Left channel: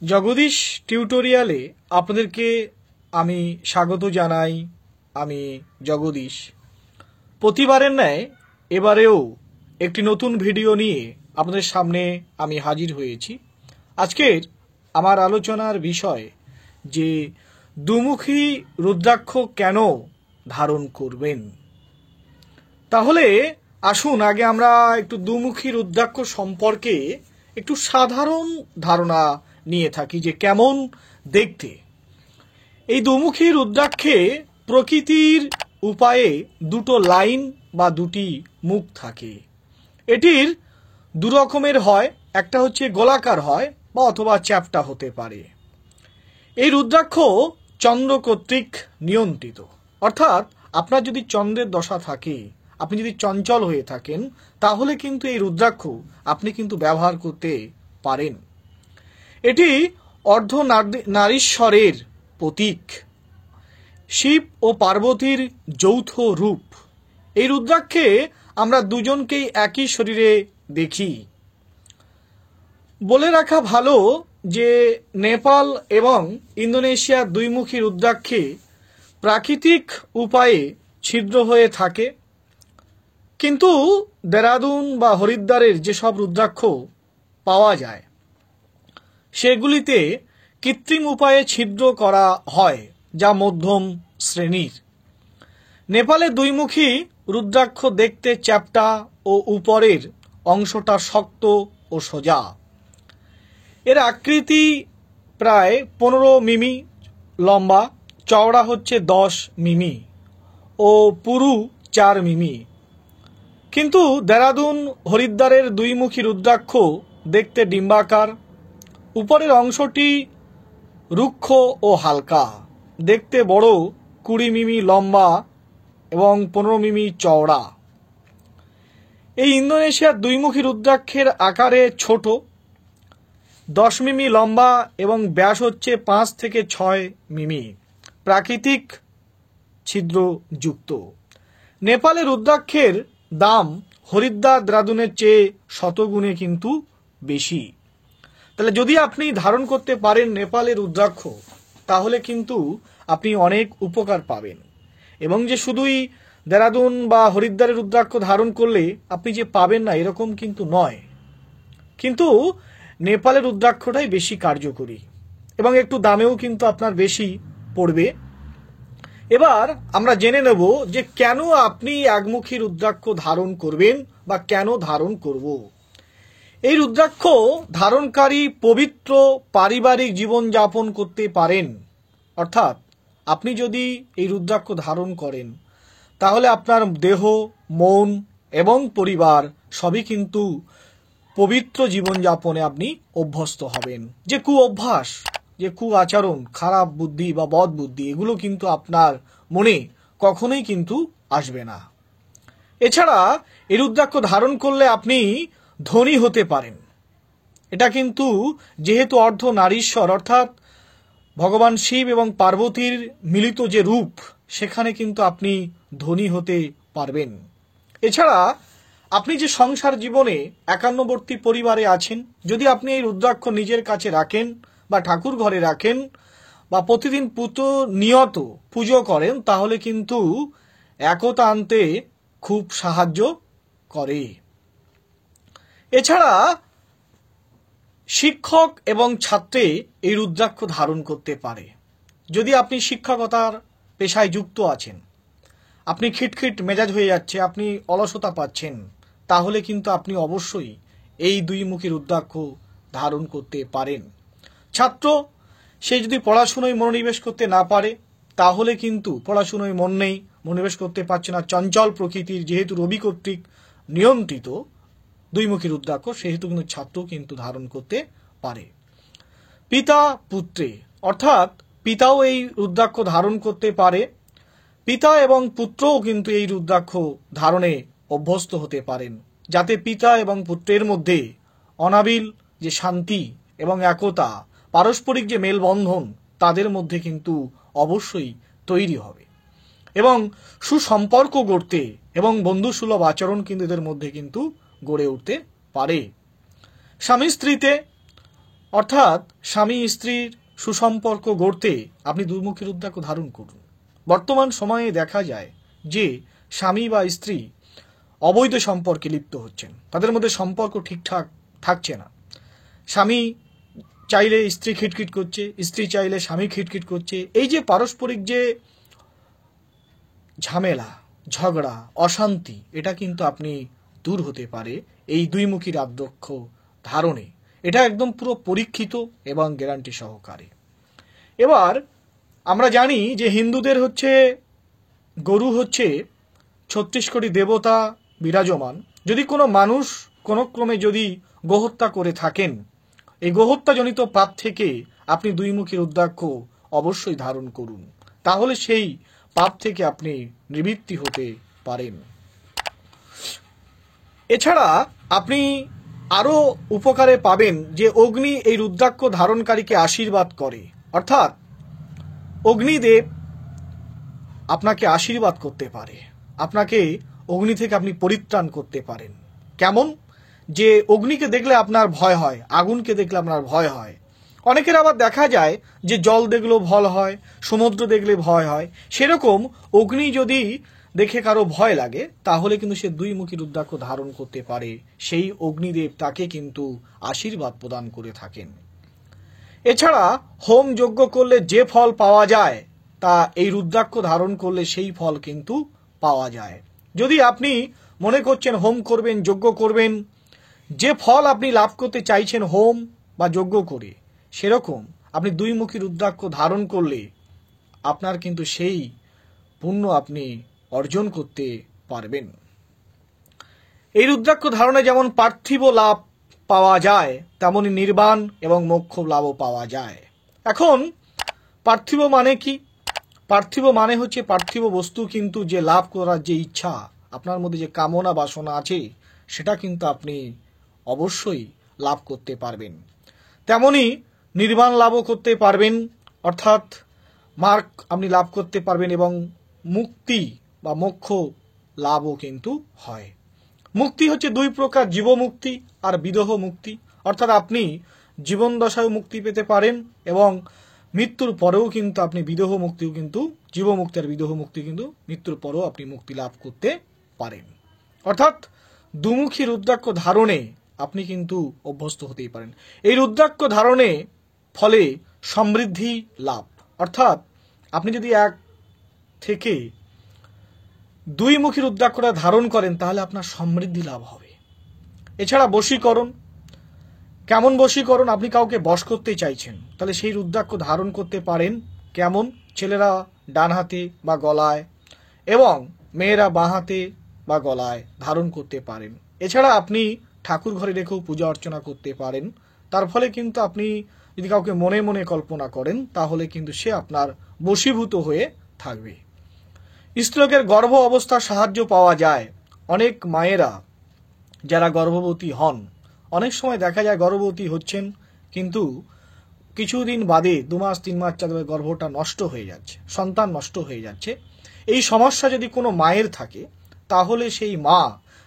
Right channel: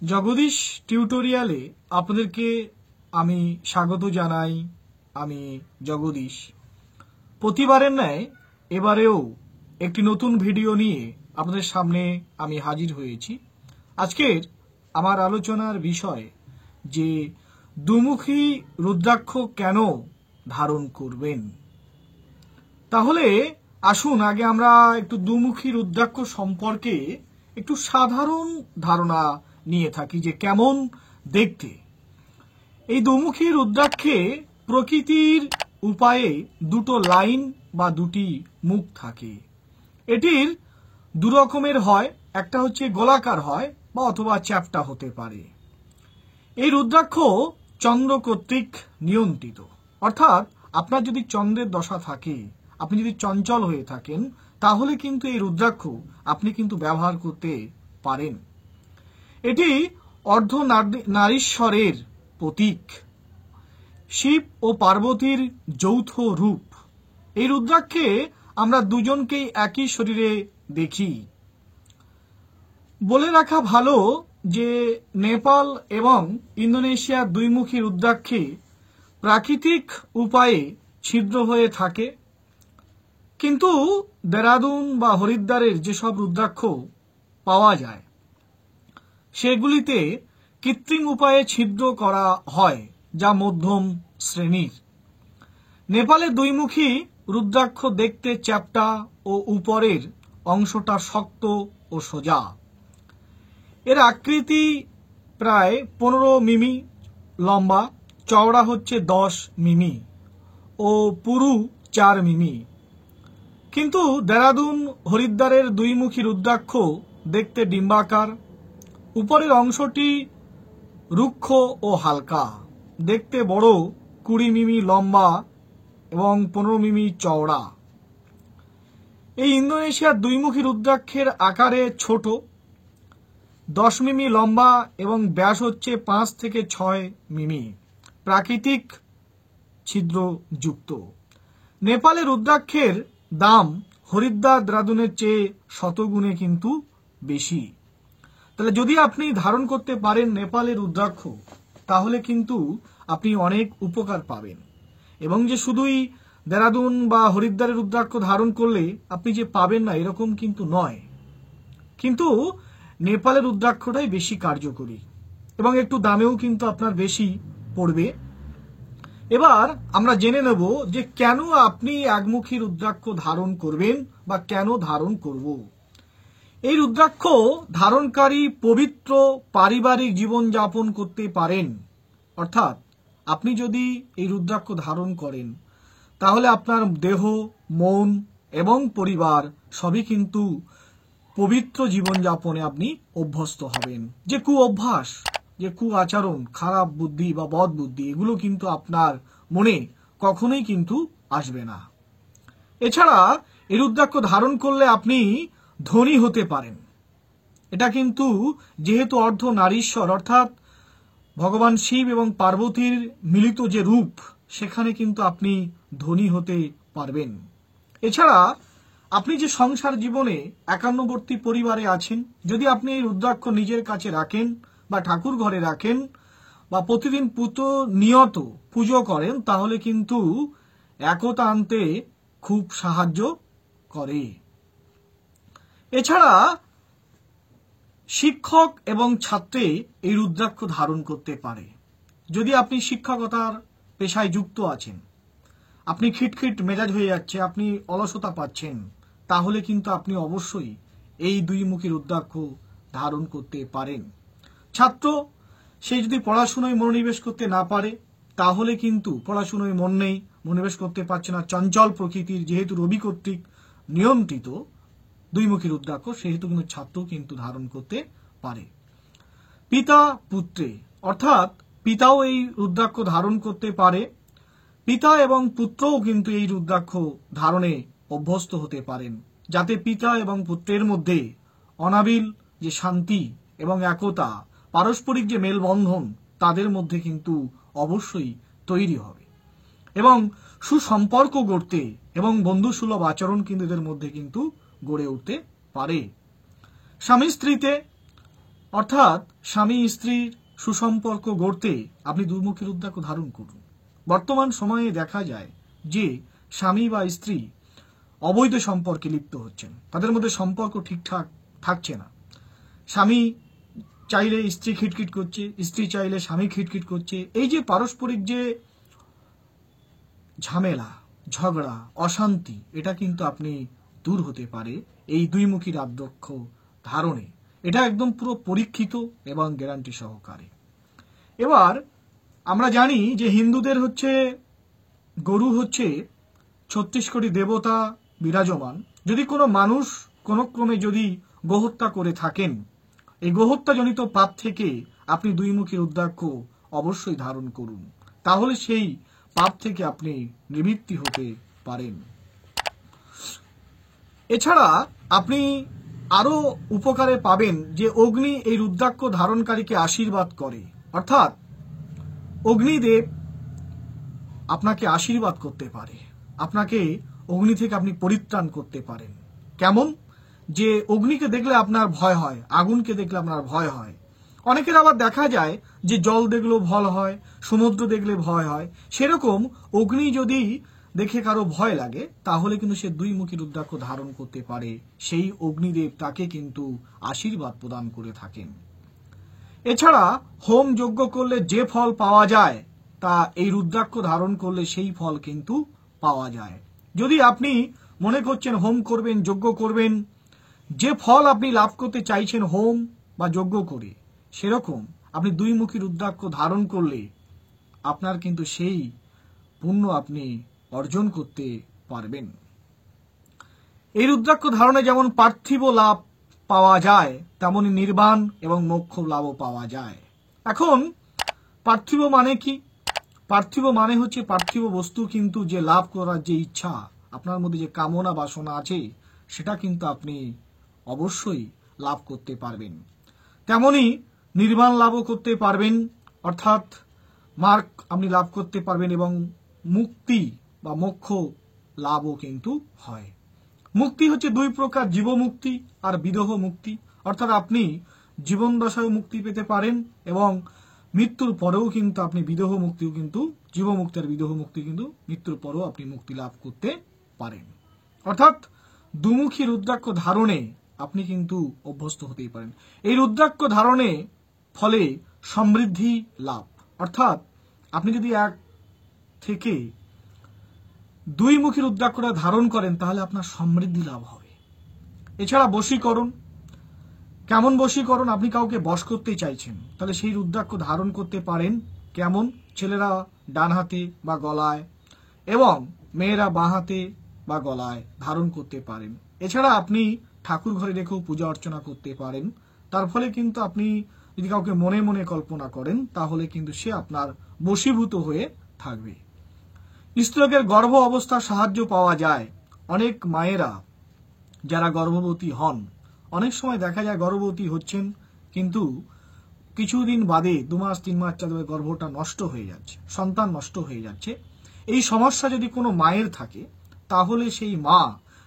জগদীশ টিউটোরিয়ালে আপনাদেরকে আমি স্বাগত জানাই। আমি জগদীশ। প্রতিবারের ন্যায় এবারেও একটি নতুন ভিডিও নিয়ে আপনাদের সামনে আমি হাজির হয়েছি। আজকের আমার আলোচনার বিষয় যে দুমুখী রুদ্রাক্ষ কেন ধারণ করবেন। তাহলে আসুন আগে আমরা একটু দুমুখী রুদ্রাক্ষ সম্পর্কে একটু সাধারণ ধারণা নিয়ে থাকি যে কেমন দেখতে। এই দুমুখী রুদ্রাক্ষে প্রকৃতির উপায়ে দুটো লাইন বা দুটি মুখ থাকে। এটির দু রকমের হয়, একটা হচ্ছে গোলাকার হয় বা অথবা চ্যাপ্টা হতে পারে। এই রুদ্রাক্ষ চন্দ্র কর্তৃক নিয়ন্ত্রিত, অর্থাৎ আপনার যদি চন্দ্রের দশা থাকে, আপনি যদি চঞ্চল হয়ে থাকেন, তাহলে কিন্তু এই রুদ্রাক্ষ আপনি কিন্তু ব্যবহার করতে পারেন। এটি অর্ধ নারীশ্বরের প্রতীক, শিব ও পার্বতীর যৌথ রূপ। এই রুদ্রাক্ষে আমরা দুজনকেই একই শরীরে দেখি। বলে রাখা ভালো যে নেপাল এবং ইন্দোনেশিয়ার দুইমুখী রুদ্রাক্ষে প্রাকৃতিক উপায়ে ছিদ্র হয়ে থাকে, কিন্তু দেরাদুন বা হরিদ্বারের যেসব রুদ্রাক্ষ পাওয়া যায় সেগুলিতে কৃত্রিম উপায়ে ছিদ্র করা হয়, যা মধ্যম শ্রেণীর। নেপালের দুইমুখী রুদ্রাক্ষ দেখতে চ্যাপ্টা ও উপরের অংশটা শক্ত ও সোজা। এর আকৃতি প্রায় 15 মিমি লম্বা, চওড়া হচ্ছে 10 মিমি ও পুরু 4 মিমি। কিন্তু দেরাদুন হরিদ্বারের দুইমুখী রুদ্রাক্ষ দেখতে ডিম্বাকার। উপরের অংশটি রুক্ষ ও হালকা, দেখতে বড় 20 মিমি লম্বা এবং 15 মিমি চওড়া। এই ইন্দোনেশিয়ার দুইমুখী রুদ্রাক্ষের আকারে ছোট, 10 মিমি লম্বা এবং ব্যাস হচ্ছে 5 থেকে 6 মিমি, প্রাকৃতিক ছিদ্রযুক্ত। নেপালের রুদ্রাক্ষের দাম হরিদ্বার দেরাদুনের চেয়ে শতগুণে কিন্তু বেশি। তাহলে যদি আপনি ধারণ করতে পারেন নেপালের রুদ্রাক্ষ, তাহলে কিন্তু আপনি অনেক উপকার পাবেন। এবং যে শুধুই দেরাদুন বা হরিদ্বারের রুদ্রাক্ষ ধারণ করলে আপনি যে পাবেন না এরকম কিন্তু নয়, কিন্তু নেপালের রুদ্রাক্ষটাই বেশি কার্যকরী এবং একটু দামেও কিন্তু আপনার বেশি পড়বে। এবার আমরা জেনে নেব যে কেন আপনি একমুখী রুদ্রাক্ষ ধারণ করবেন বা কেন ধারণ করব। এই রুদ্রাক্ষ ধারণকারী পবিত্র পারিবারিক জীবনযাপন করতে পারেন, অর্থাৎ আপনি যদি এই রুদ্রাক্ষ ধারণ করেন তাহলে আপনার দেহ, মন এবং পরিবার সবই কিন্তু পবিত্র জীবনযাপনে আপনি অভ্যস্ত হবেন। যে কুঅভ্যাস, যে আচরণ, খারাপ বুদ্ধি বা বদ বুদ্ধি, এগুলো কিন্তু আপনার মনে কখনোই কিন্তু আসবে না। এছাড়া এই রুদ্রাক্ষ ধারণ করলে আপনি ধনী হতে পারেন। এটা কিন্তু যেহেতু অর্ধ নারীশ্বর, অর্থাৎ ভগবান শিব এবং পার্বতীর মিলিত যে রূপ, সেখানে কিন্তু আপনি ধনী হতে পারবেন। এছাড়া আপনি যে সংসার জীবনে একান্নবর্তী পরিবারে আছেন, যদি আপনি এই রুদ্রাক্ষ নিজের কাছে রাখেন বা ঠাকুর ঘরে রাখেন বা প্রতিদিন নিয়ত পুজো করেন, তাহলে কিন্তু একতা আনতে খুব সাহায্য করে। এছাড়া শিক্ষক এবং ছাত্রে এই রুদ্রাক্ষ ধারণ করতে পারে। যদি আপনি শিক্ষকতার পেশায় যুক্ত আছেন, আপনি খিটখিট মেজাজ হয়ে যাচ্ছে, আপনি অলসতা পাচ্ছেন, তাহলে কিন্তু আপনি অবশ্যই এই দুইমুখী রুদ্রাক্ষ ধারণ করতে পারেন। ছাত্র, সে যদি পড়াশুনোয় মনোনিবেশ করতে না পারে, তাহলে কিন্তু পড়াশুনোয় মন নেই, মনোনিবেশ করতে পারছে না, চঞ্চল প্রকৃতির, যেহেতু রবি কর্তৃক নিয়ন্ত্রিত দুইমুখী রুদ্রাক্ষ, সেহেতু কিন্তু ছাত্র কিন্তু ধারণ করতে পারে। পিতা পুত্রে, অর্থাৎ পিতাও এই রুদ্রাক্ষ ধারণ করতে পারে। পিতা এবং পুত্রও কিন্তু এই রুদ্রাক্ষ ধারণে অভ্যস্ত হতে পারেন, যাতে পিতা এবং পুত্রের মধ্যে অনাবিল যে শান্তি এবং একতা, পারস্পরিক যে মেলবন্ধন, তাদের মধ্যে কিন্তু অবশ্যই তৈরি হবে এবং সুসম্পর্ক গড়তে এবং বন্ধুসুলভ আচরণ কিন্তু এদের মধ্যে কিন্তু গড়ে উঠতে পারে। স্বামী স্ত্রীতে অর্থাৎ স্বামী স্ত্রীর সুসম্পর্ক গড়তে আপনি দুমুখী রুদ্রাক্ষ ধারণ করুন। বর্তমান সময়ে দেখা যায় যে স্বামী বা স্ত্রী অবৈধ সম্পর্কে লিপ্ত হচ্ছেন, তাদের মধ্যে সম্পর্ক ঠিকঠাক থাকছে না। স্বামী চাইলে স্ত্রী খিটখিট করছে, স্ত্রী চাইলে স্বামী খিটখিট করছে। এই যে পারস্পরিক যে ঝামেলা, ঝগড়া, অশান্তি, এটা কিন্তু আপনি দূর হতে পারে এই দুইমুখী রুদ্রাক্ষ ধারণে। এটা একদম পুরো পরীক্ষিত এবং গ্যারান্টি সহকারে। এবার আমরা জানি যে হিন্দুদের হচ্ছে গরু হচ্ছে 36 কোটি দেবতা বিরাজমান। যদি কোনো মানুষ কোনো ক্রমে যদি গোহত্যা করে থাকেন, এই গোহত্যাজনিত পাপ থেকে আপনি দুইমুখী রুদ্রাক্ষ অবশ্যই ধারণ করুন, তাহলে সেই পাপ থেকে আপনি নিবৃত্তি হতে পারেন। এছাড়া আপনি আরো উপকারে পাবেন যে অগ্নি এই রুদ্রাক্ষ ধারণকারীকে আশীর্বাদ করে, অর্থাৎ অগ্নিদেব আপনাকে আশীর্বাদ করতে পারে, আপনাকে অগ্নি থেকে আপনি পরিত্রাণ করতে পারেন। কেমন? যে অগ্নিকে দেখলে আপনার ভয় হয়, আগুনকে দেখলে আপনার ভয় হয়। অনেকের আবার দেখা যায় যে জল দেখলেও ভয় হয়, সমুদ্র দেখলে ভয় হয়। সেরকম অগ্নি যদি দেখে কারো ভয় লাগে, তাহলে কিন্তু সে দুইমুখী রুদ্রাক্ষ ধারণ করতে পারে। সেই অগ্নিদেব তাকে কিন্তু আশীর্বাদ প্রদান করে থাকেন। এছাড়া হোম যজ্ঞ করলে যে ফল পাওয়া যায়, তা এই রুদ্রাক্ষ ধারণ করলে সেই ফল কিন্তু পাওয়া যায়। যদি আপনি মনে করছেন হোম করবেন, যজ্ঞ করবেন, যে ফল আপনি লাভ করতে চাইছেন হোম বা যজ্ঞ করে, সেরকম আপনি দুইমুখী রুদ্রাক্ষ ধারণ করলে আপনার কিন্তু সেই পুণ্য আপনি অর্জন করতে পারবেন। এই রুদ্রাক্ষ ধারণে যেমন পার্থিব লাভ পাওয়া যায়, তেমনি নির্বাণ এবং মোক্ষ লাভও পাওয়া যায়। এখন পার্থিব মানে কি? পার্থিব মানে হচ্ছে পার্থিব বস্তু, কিন্তু যে লাভ করার যে ইচ্ছা, আপনার মধ্যে যে কামনা বাসনা আছে, সেটা কিন্তু আপনি অবশ্যই লাভ করতে পারবেন। তেমনি নির্বাণ লাভও করতে পারবেন, অর্থাৎ মার্গ আপনি লাভ করতে পারবেন, এবং মুক্তি বা মোক্ষ লাভও কিন্তু হয়। মুক্তি হচ্ছে দুই প্রকার, জীবমুক্তি আর বিদেহ মুক্তি। অর্থাৎ আপনি জীবন দশায় মুক্তি পেতে পারেন, এবং মৃত্যুর পরেও কিন্তু আপনি বিদেহ মুক্তিও কিন্তু, জীবমুক্তি আর বিদেহ মুক্তি কিন্তু মৃত্যুর পরেও আপনি মুক্তি লাভ করতে পারেন। অর্থাৎ দুমুখী রুদ্রাক্ষ ধারণে আপনি কিন্তু অভ্যস্ত হতেই পারেন। এই রুদ্রাক্ষ ধারণে ফলে সমৃদ্ধি লাভ, অর্থাৎ আপনি যদি এক থেকে দুইমুখী রুদ্রাক্ষটা ধারণ করেন, তাহলে আপনার সমৃদ্ধি লাভ হবে। এছাড়া বশীকরণ। কেমন বশীকরণ? আপনি কাউকে বশ করতে চাইছেন, তাহলে সেই রুদ্রাক্ষ ধারণ করতে পারেন। কেমন? ছেলেরা ডান হাতে বা গলায়, এবং মেয়েরা বাঁ হাতে বা গলায় ধারণ করতে পারেন। এছাড়া আপনি ঠাকুর ঘরে রেখেও পূজা অর্চনা করতে পারেন। তার ফলে কিন্তু আপনি যদি কাউকে মনে মনে কল্পনা করেন, তাহলে কিন্তু সে আপনার বশীভূত হয়ে থাকবে। স্ত্রীলোকের গর্ভ অবস্থার সাহায্য পাওয়া যায়। অনেক মায়েরা যারা গর্ভবতী হন, অনেক সময় দেখা যায় গর্ভবতী হচ্ছেন, কিন্তু কিছুদিন বাদে 2 মাস 3 মাস চালাবে গর্ভটা নষ্ট হয়ে যাচ্ছে, সন্তান নষ্ট হয়ে যাচ্ছে। এই সমস্যা যদি কোনো মায়ের থাকে, তাহলে সেই মা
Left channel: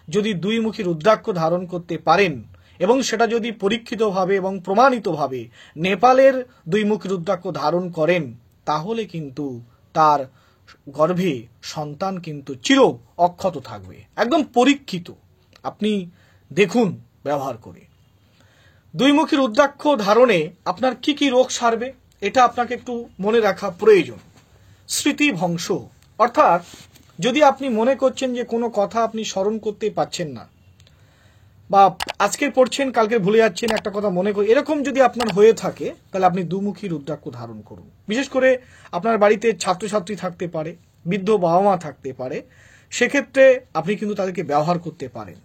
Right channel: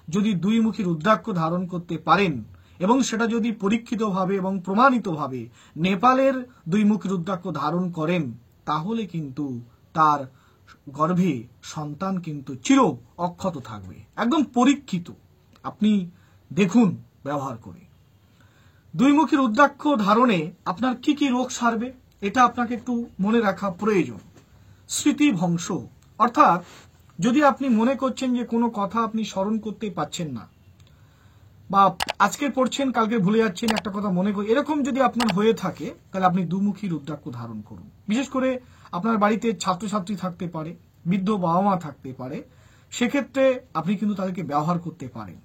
যদি দুইমুখী রুদ্রাক্ষ ধারণ করতে পারেন, এবং সেটা যদি পরীক্ষিতভাবে এবং প্রমাণিতভাবে নেপালের দুইমুখী রুদ্রাক্ষ ধারণ করেন, তাহলে কিন্তু তার গর্ভে সন্তান কিন্তু চির অক্ষত থাকবে, একদম পরীক্ষিত। আপনি দেখুন ব্যবহার করে। দুইমুখী রুদ্রাক্ষ ধারণে আপনার কি কি রোগ সারবে, এটা আপনাকে একটু মনে রাখা প্রয়োজন। স্মৃতিভ্রংশ, অর্থাৎ যদি আপনি মনে করছেন যে কোনো কথা আপনি স্মরণ করতে পারছেন না, বা আজকে পড়ছেন কালকে ভুলে যাচ্ছেন, একটা কথা মনে করি, এরকম যদি আপনার হয়ে থাকে, তাহলে আপনি দুমুখী রুদ্রাক্ষ ধারণ করুন। বিশেষ করে আপনার বাড়িতে ছাত্রছাত্রী থাকতে পারে, বৃদ্ধ বাবা মা থাকতে পারে, সেক্ষেত্রে আপনি কিন্তু তাদেরকে ব্যবহার করতে পারেন।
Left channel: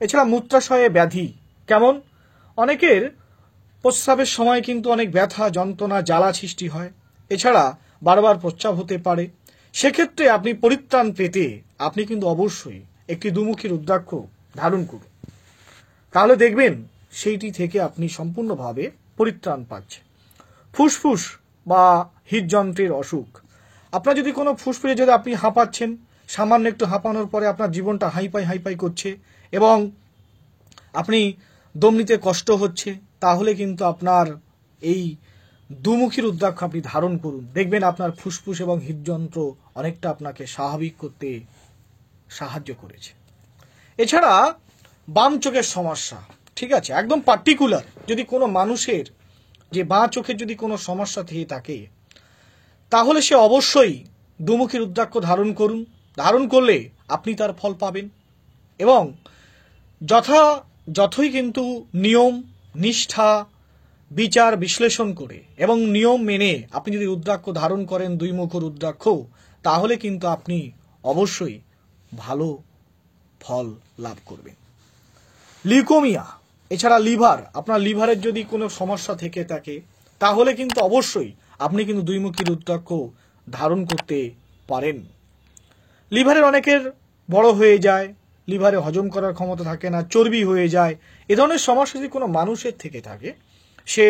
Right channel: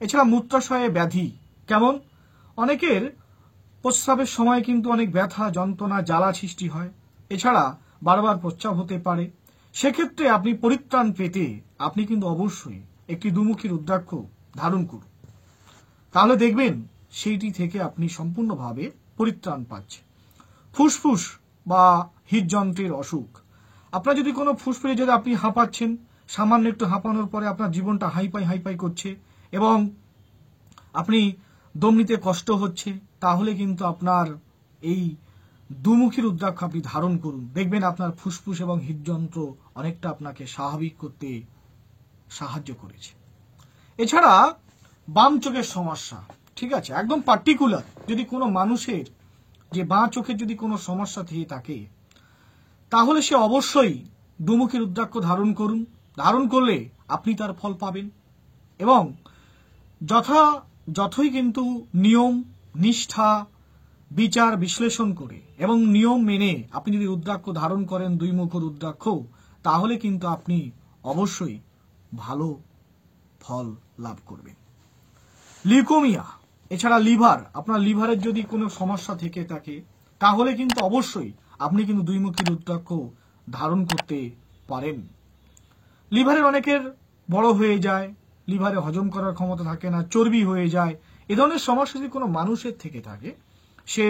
এছাড়া মূত্রাশয়ে ব্যাধি। কেমন? অনেকের প্রস্রাবের সময় কিন্তু অনেক ব্যথা, যন্ত্রণা, জ্বালা সৃষ্টি হয়। এছাড়া বারবার প্রস্রাব হতে পারে। সেক্ষেত্রে আপনি পরিত্রাণ পেতে আপনি কিন্তু অবশ্যই একটি দুমুখী রুদ্রাক্ষ ধারণ করুন, তাহলে দেখবেন সেইটি থেকে আপনি সম্পূর্ণভাবে পরিত্রাণ পাচ্ছেন। ফুসফুস বা হৃদযন্ত্রের অসুখ। আপনার যদি কোনো ফুসফুসে যদি আপনি হাঁপাচ্ছেন, সামান্য একটু হাঁপানোর পরে আপনার জীবনটা হাইপাই করছে, এবং আপনি দম নিতে কষ্ট হচ্ছে, তাহলে কিন্তু আপনার এই দুমুখী রুদ্রাক্ষ আপনি ধারণ করুন, দেখবেন আপনার ফুসফুস এবং হৃদযন্ত্র অনেকটা আপনাকে স্বাভাবিক করতে সাহায্য করেছে। এছাড়া বাম চোখের সমস্যা, ঠিক আছে, একদম পার্টিকুলার যদি কোনো মানুষের যে বাঁ চোখের যদি কোনো সমস্যা থেকে থাকে, তাহলে সে অবশ্যই দুমুখী রুদ্রাক্ষ ধারণ করুন। ধারণ করলে আপনি তার ফল পাবেন। এবং যথই কিন্তু নিয়ম, নিষ্ঠা, বিচার বিশ্লেষণ করে এবং নিয়ম মেনে আপনি যদি রুদ্রাক্ষ ধারণ করেন, দুইমুখ রুদ্রাক্ষ, তাহলে কিন্তু আপনি অবশ্যই ভালো ফল লাভ করবেন। লিউকোমিয়া, এছাড়া লিভার, আপনার লিভারের যদি কোনো সমস্যা থেকে থাকে, তাহলে কিন্তু অবশ্যই আপনি কিন্তু দুইমুখী রুদ্রাক্ষ ধারণ করতে পারেন। লিভারের অনেকের বড় হয়ে যায়, লিভারে হজম করার ক্ষমতা থাকে না, চর্বি হয়ে যায়, এ ধরনের সমস্যা যদি কোনো মানুষের থেকে থাকে, সে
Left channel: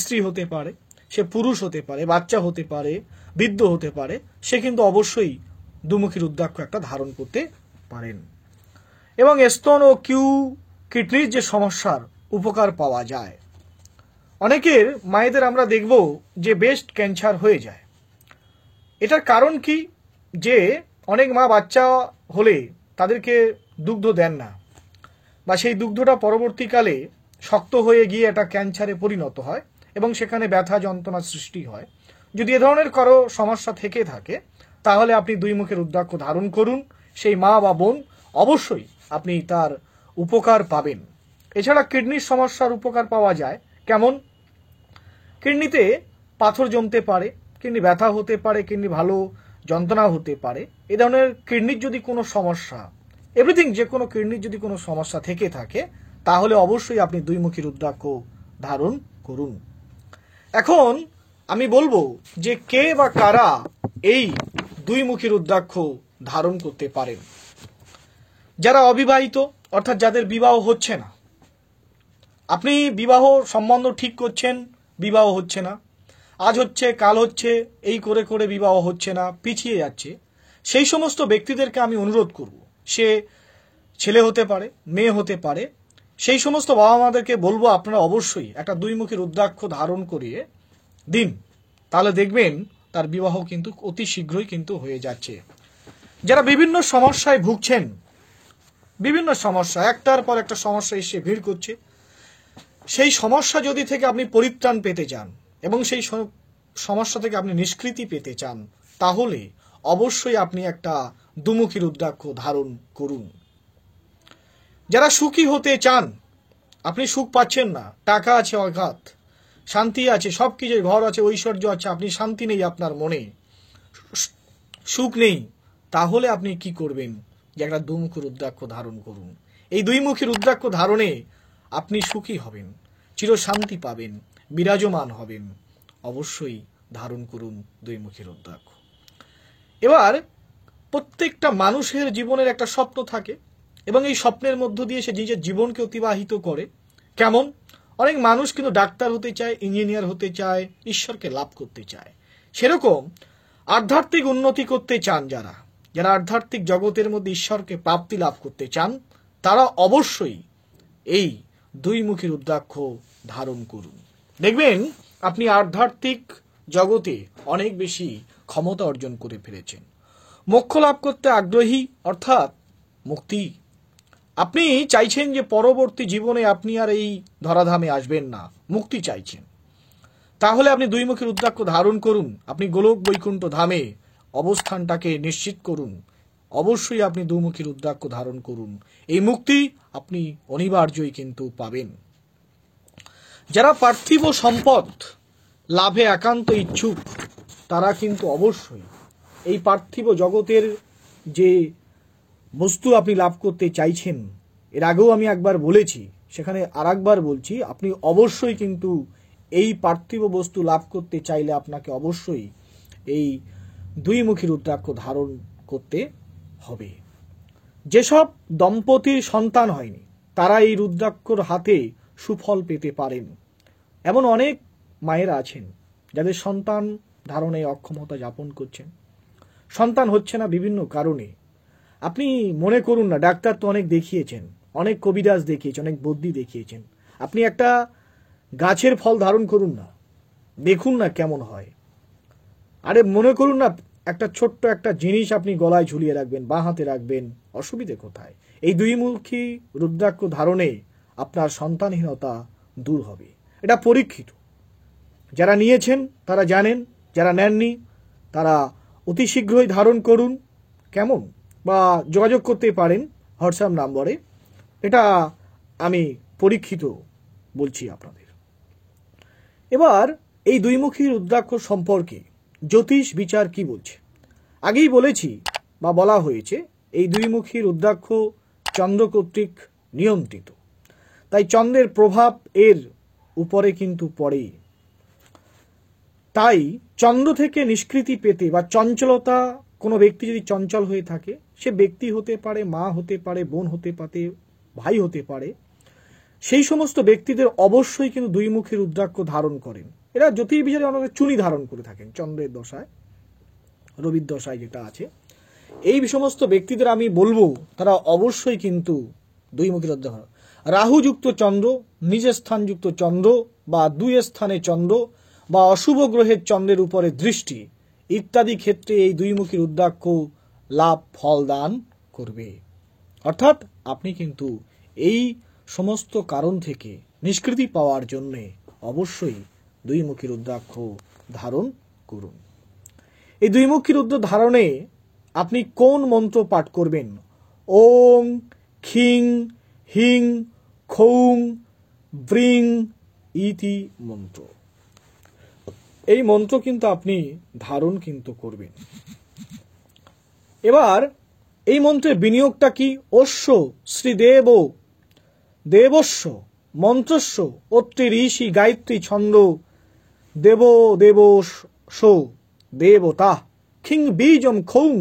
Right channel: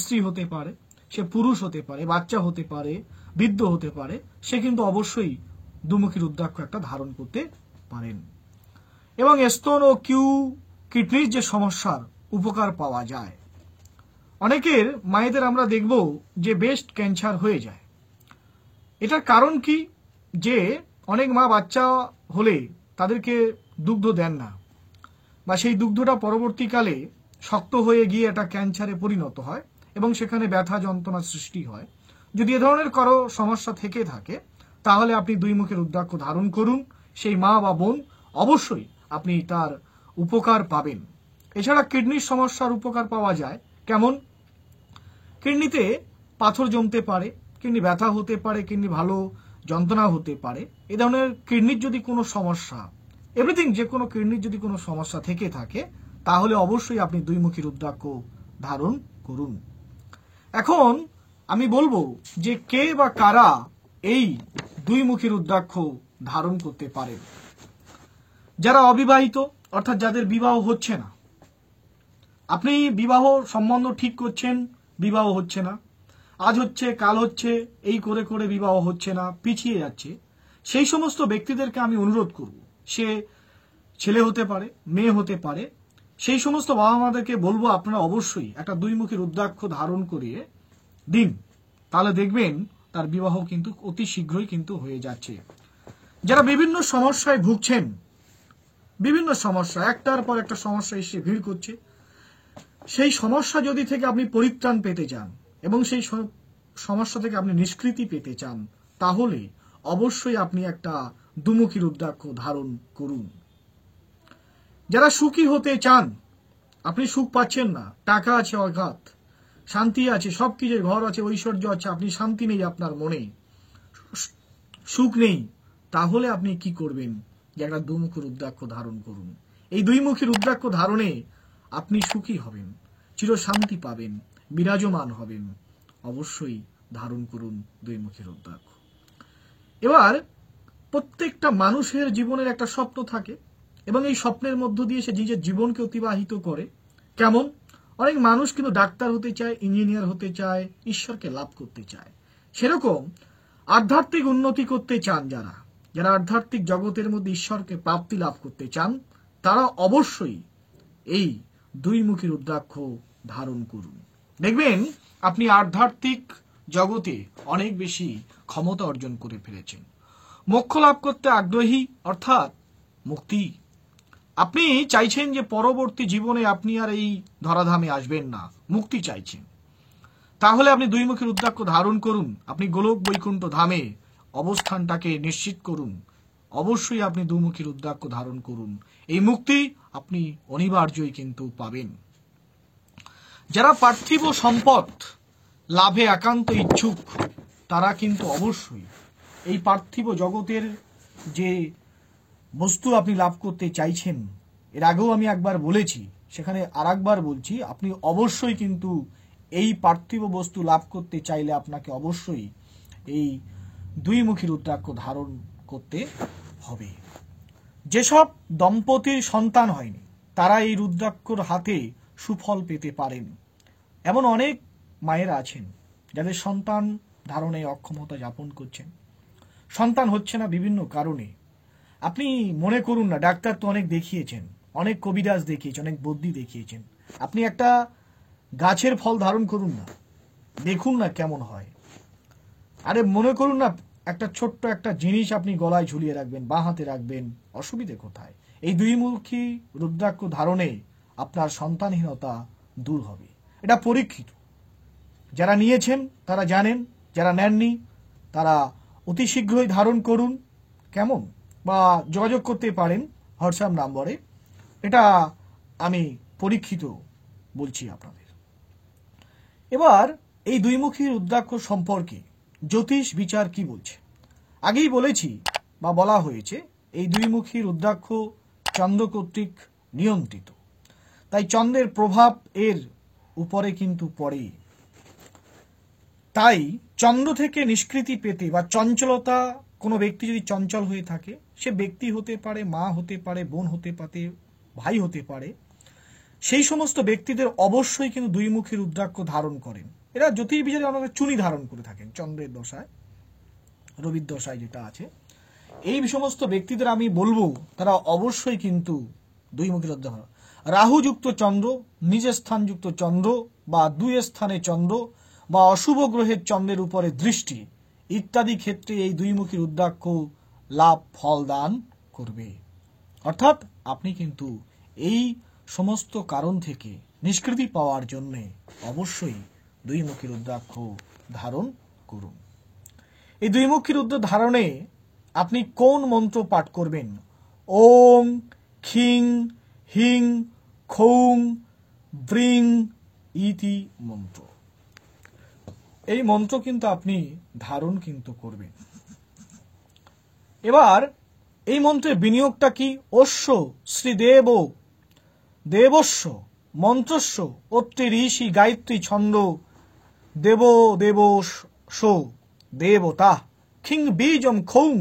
স্ত্রী হতে পারে, সে পুরুষ হতে পারে, বাচ্চা হতে পারে, বৃদ্ধ হতে পারে, সে কিন্তু অবশ্যই দুমুখী রুদ্রাক্ষ একটা ধারণ করতে পারেন। এবং স্তন ও কিডনির যে সমস্যার উপকার পাওয়া যায়, অনেকের মায়েদের আমরা দেখব যে ব্রেস্ট ক্যান্সার হয়ে যায়। এটার কারণ কি? যে অনেক মা বাচ্চা হলে তাদেরকে দুগ্ধ দেন না, বা সেই দুগ্ধটা পরবর্তীকালে শক্ত হয়ে গিয়ে এটা ক্যান্সারে পরিণত হয় এবং সেখানে ব্যথা যন্ত্রণার সৃষ্টি হয়। যদি এ ধরনের কারো সমস্যা থেকে থাকে, তাহলে আপনি দুইমুখী রুদ্রাক্ষ ধারণ করুন, সেই মা বা বোন অবশ্যই আপনি তার উপকার পাবেন। এছাড়া কিডনির সমস্যার উপকার পাওয়া যায় কেমন? কিডনিতে পাথর জমতে পারে, কিডনি ব্যথা হতে পারে, কিডনি ভালো যন্ত্রণা হতে পারে। এ ধরনের কিডনির যদি কোনো সমস্যা, এভরিথিং, যে কোনো কিডনির যদি কোনো সমস্যা থেকে থাকে, তাহলে অবশ্যই আপনি দুইমুখী রুদ্রাক্ষ ধারণ করুন। এখন আমি বলবো যে কে বা কারা এই দুইমুখী রুদ্রাক্ষ ধারণ করতে পারেন। যারা অবিবাহিত, অর্থাৎ যাদের বিবাহ হচ্ছে না, আপনি বিবাহ সম্বন্ধ ঠিক করছেন, বিবাহ হচ্ছে না, আজ হচ্ছে কাল হচ্ছে, এই করে করে বিবাহ হচ্ছে না, পিছিয়ে যাচ্ছে, সেই সমস্ত ব্যক্তিদেরকে আমি অনুরোধ করব, সে ছেলে হতে পারে, মেয়ে হতে পারে, সেই সমস্ত বাবা মাদেরকে বলবো আপনারা অবশ্যই একটা দুইমুখী রুদ্রাক্ষ ধারণ করিয়ে দিন, তাহলে দেখবেন তার বিবাহ কিন্তু অতি শীঘ্রই কিন্তু হয়ে যাচ্ছে। যারা বিভিন্ন সমস্যায় ভুগছেন, বিভিন্ন সমস্যা, একটার পর একটা সমস্যা এসে ভিড় করছে, সেই সমস্যা যদি থেকে আপনি পরিত্রাণ পেতে চান এবং সেই সমস্যা থেকে আপনি নিষ্কৃতি পেতে চান, তাহলে অবশ্যই আপনি একটা দুমুখী রুদ্রাক্ষ ধারণ করুন। যারা সুখী হতে চান, আপনি সুখ পাচ্ছেন না, টাকা আছে অগাধ, শান্তি আছে, সবকিছু, ঘর আছে, ঐশ্বর্য আছে, আপনি শান্তি নেই, আপনার মনে সুখ নেই, তাহলে আপনি কি করবেন? যে একটা দুমুখী রুদ্রাক্ষ ধারণ করুন। এই দুইমুখী রুদ্রাক্ষ ধারণে আপনি সুখী হবেন, চিরশান্তি পাবেন, বিরাজমান হবেন। অবশ্যই ধারণ করুন দুইমুখী রুদ্রাক্ষ। এবার প্রত্যেকটা মানুষের জীবনের একটা স্বপ্ন থাকে এবং এই স্বপ্নের মধ্য দিয়ে সে নিজের জীবনকে অতিবাহিত করে। কেমন? অনেক মানুষ কিন্তু ডাক্তার হতে চায়, ইঞ্জিনিয়ার হতে চায়, ঈশ্বরকে লাভ করতে চায়। সেরকম আধ্যাত্মিক উন্নতি করতে চান যারা আধ্যাত্মিক জগতের মধ্যে ঈশ্বরকে প্রাপ্তি লাভ করতে চান, তারা অবশ্যই এই দুইমুখী রুদ্রাক্ষ ধারণ করুন। দেখবেন আপনি আধ্যাত্মিক জগতে অনেক বেশি ক্ষমতা অর্জন করে ফেলেছেন। মোক্ষ লাভ করতে আগ্রহী, অর্থাৎ মুক্তি। আপনি চাইছেন যে পরবর্তী জীবনে আপনি আর এই ধরাধামে আসবেন না, মুক্তি চাইছেন, তাহলে আপনি দুইমুখী রুদ্রাক্ষ ধারণ করুন। আপনি গোলক বৈকুণ্ঠ ধামে অবস্থানটাকে নিশ্চিত করুন। অবশ্যই আপনি দুমুখী রুদ্রাক্ষ ধারণ করুন, এই মুক্তি আপনি অনিবার্যই কিন্তু পাবেন। যারা পার্থিব সম্পদ লাভে একান্ত ইচ্ছুক, তারা কিন্তু অবশ্যই এই পার্থিব জগতের যে বস্তু আপনি লাভ করতে চাইছেন, এর আগেও আমি একবার বলেছি, সেখানে আরেকবার বলছি, আপনি অবশ্যই কিন্তু এই পার্থিব বস্তু লাভ করতে চাইলে আপনাকে অবশ্যই এই দুইমুখী রুদ্রাক্ষ ধারণ করতে হবে। যেসব দম্পতির সন্তান হয়নি, তারা এই রুদ্রাক্ষর হাতে সুফল পেতে পারেন। এমন অনেক মায়েরা আছেন যাদের সন্তান ধারণে অক্ষমতা যাপন করছেন, সন্তান হচ্ছে না বিভিন্ন কারণে। আপনি মনে করুন না, ডাক্তার তো অনেক দেখিয়েছেন, অনেক কবিরাজ দেখিয়েছেন, অনেক বদ্যি দেখিয়েছেন, আপনি একটা গাছের ফল ধারণ করুন না, দেখুন না কেমন হয়। আরে মনে করুন না একটা ছোট্ট একটা জিনিস আপনি গলায় ঝুলিয়ে রাখবেন, বাঁ হাতে রাখবেন, অসুবিধে কোথায়? এই দুইমুখী রুদ্রাক্ষ ধারণে আপনার সন্তানহীনতা দূর হবে। এটা পরীক্ষিত। যারা নিয়েছেন তারা জানেন, যারা নেননি তারা অতি শীঘ্রই ধারণ করুন। কেমন? বা যোগাযোগ করতে পারেন হোয়াটসঅ্যাপ নম্বরে। এটা আমি পরীক্ষিত বলছি আপনাদের। এবার এই দুইমুখী রুদ্রাক্ষ সম্পর্কে জ্যোতিষ বিচার কি বলছে? আগেই বলেছি বা বলা হয়েছে এই দুইমুখী রুদ্রাক্ষ চন্দ্র কর্তৃক নিয়ন্ত্রিত, তাই চন্দ্রের প্রভাব এর উপরে কিন্তু পড়েই। তাই চন্দ্র থেকে নিষ্কৃতি পেতে বা চঞ্চলতা, কোনো ব্যক্তি যদি চঞ্চল হয়ে থাকে, সে ব্যক্তি হতে পারে, মা হতে পারে, বোন হতে পারে, ভাই হতে পারে, সেই সমস্ত ব্যক্তিদের অবশ্যই কিন্তু দুইমুখী রুদ্রাক্ষ ধারণ করেন। এরা জ্যোতির্বিচারে অনেকে চুনি ধারণ করে থাকেন চন্দ্রের দশায়, রবির দশায় যেটা আছে। এই সমস্ত ব্যক্তিদের আমি বলবো তারা অবশ্যই কিন্তু দুইমুখী রুদ্রাক্ষ, রাহুযুক্ত চন্দ্র, নিজ স্থানযুক্ত চন্দ্র বা দুই স্থানে চন্দ্র বা অশুভ গ্রহের চন্দ্রের উপরে দৃষ্টি ইত্যাদি ক্ষেত্রে এই দুইমুখী রুদ্রাক্ষ লাভ ফল দান করবে। অর্থাৎ আপনি কিন্তু এই সমস্ত কারণ থেকে নিষ্কৃতি পাওয়ার জন্য অবশ্যই দুইমুখী রুদ্রাক্ষ ধারণ করুন। এই দুইমুখী রুদ্র ধারণে আপনি কোন মন্ত্র পাঠ করবেন? ওং খিং হিং খৌং ব্রিং ইতি মন্ত্র। এই মন্ত্র কিন্তু আপনি ধারণ কিন্তু করবেন। এবার এই মন্ত্রের বিনিয়োগটা কি? অশ্ব শ্রীদেব দেবস্য মন্ত্রস্য অত্রি ঋষি গায়ত্রী ছন্দ দেব দেবস দেবতা খিং বীজম খৌং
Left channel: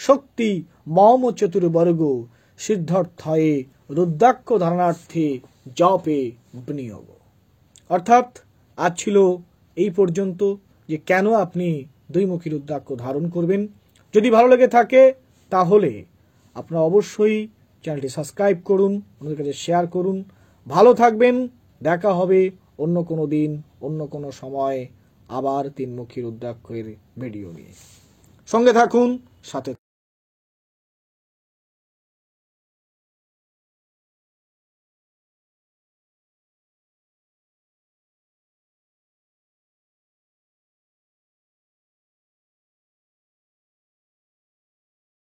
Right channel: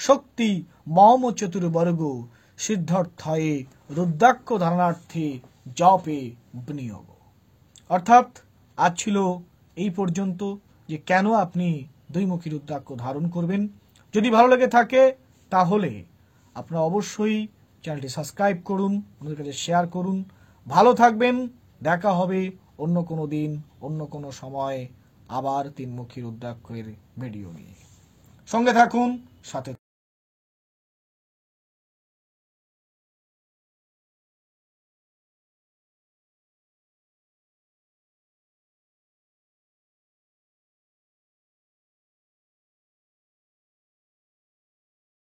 শক্তি মম চতুর্বর্গ সিদ্ধার্থয়ে রুদ্রাক্ষ ধারণার্থে জপে বিনিয়োগ। অর্থাৎ আজ ছিল এই পর্যন্ত যে কেন আপনি দুইমুখী রুদ্রাক্ষ ধারণ করবেন। যদি ভালো লেগে থাকে তাহলে আপনারা অবশ্যই চ্যানেলটি সাবস্ক্রাইব করুন, অন্যদের কাছে শেয়ার করুন। ভালো থাকবেন। দেখা হবে অন্য কোনো দিন, অন্য কোনো সময় আবার তিনমুখী রুদ্রাক্ষের ভিডিও নিয়ে। সঙ্গে থাকুন, সাথে